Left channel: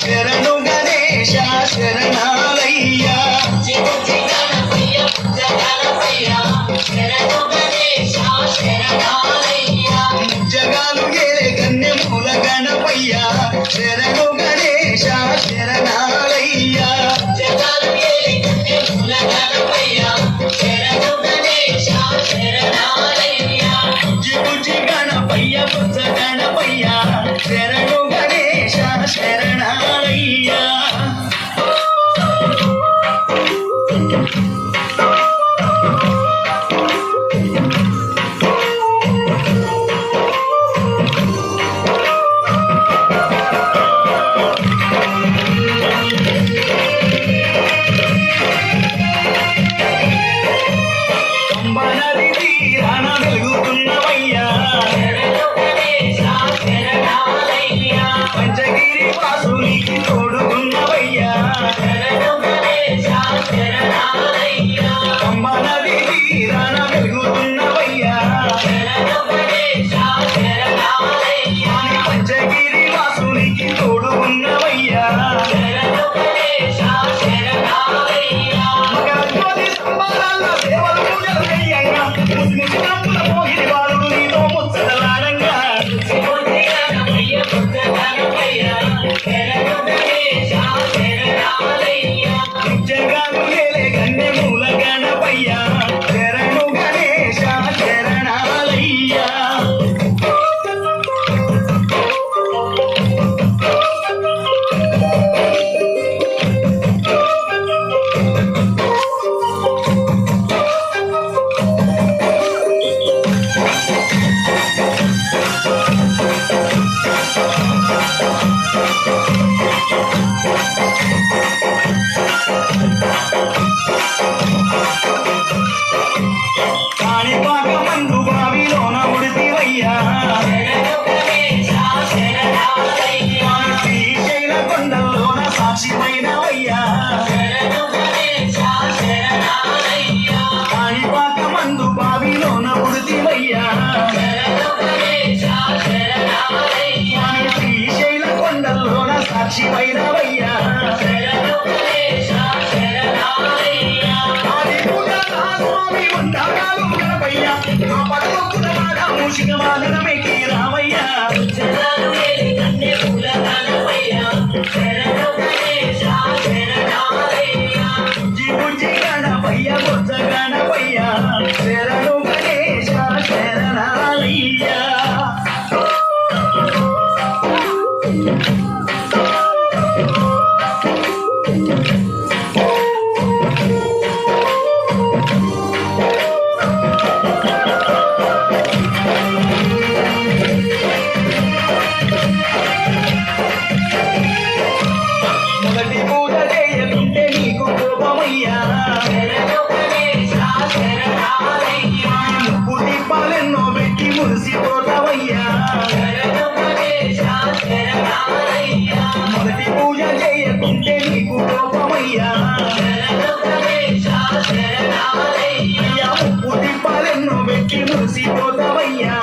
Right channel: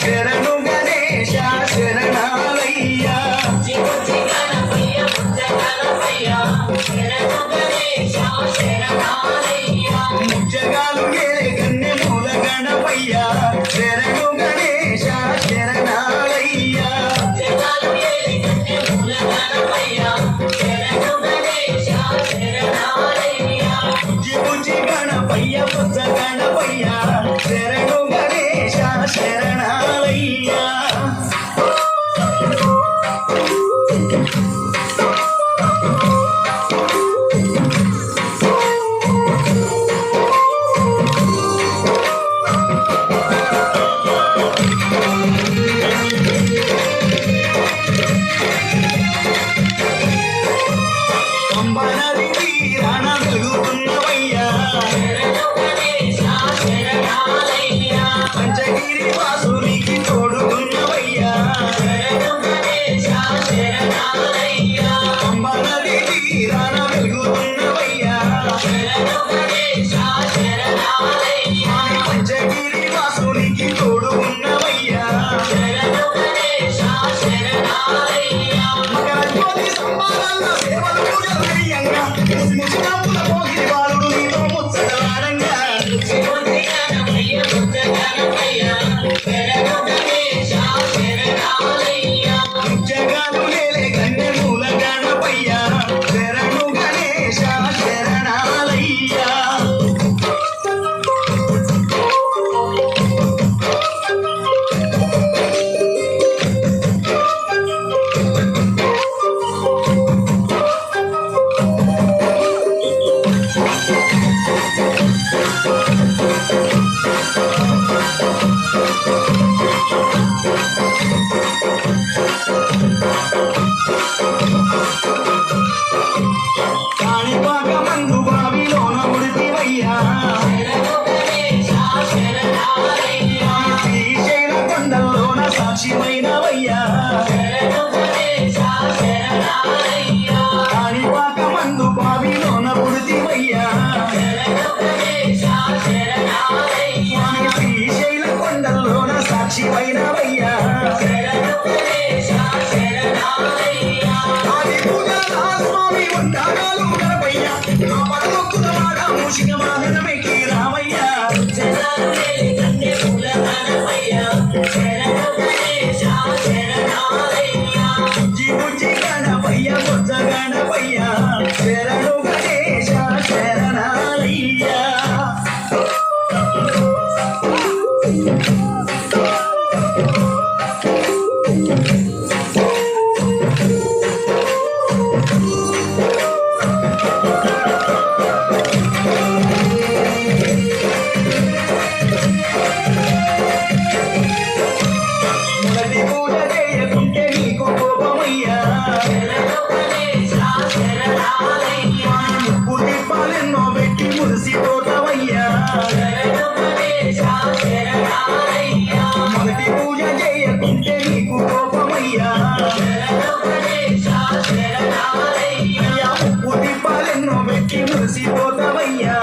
శరణు గణేశ శరణాలయ్యా జగాలు ఏలే కన్య మూల గణపయ్యా శరణు గణేశ శరణాలయ్యా బుజ్జి గణపయ్య బుజ్జ గణపయ్యా శరణు గణేశ శరణాలయ్యా పంచగిరి వాసునికి తోడుకున్నవయ్యా అమ్మ నది తీరాన వెలుగుతున్నవయ్యా పంచగిరి వాసునికి తోడుకున్నవయ్యా మకర జ్యోతి సంబారాల్లో సేవలు పూజలు చెయ్యంగా ముసిముసినప్పుల పోగిరి బాలుడు నీతో ముచ్చటలాడంగా జగాలు ఏలే కన్య మూల గణపయ్యా శరణు గణేశ శరణాలయ్యా కాణిపాకమందు బావిలోన ఉడితివయ్యా శ్రీశైల కొండల్లోన సాక్షిమైనవయ్యా కాణిపాకమందు బావిలోన ఉడితివయ్యా శ్రీశైల కొండల్లోన సాక్షిమైనవయ్యా స్వామి ఉంటాగాలు గణపయ్యా నా పడగొక్కుల మాట మూషిక వాహనమెక్కి రామయ్యా బుజ్జి బుజ్జి గణపయ్య బొజ్జ గణపయ్యా శరణు గణేశ శరణాలయ్యా మొదటి పూజ చేయకుంటే నీకు కోపమయ్యా ముప్పు దీపాలెన్నో పెట్టి మురిసిపోతావయ్యా మొదటి పూజ చేయకుంటే నీకు కోపమయ్యా ముప్పు దీపాలెన్నో పెట్టి మురిసిపోతావయ్యా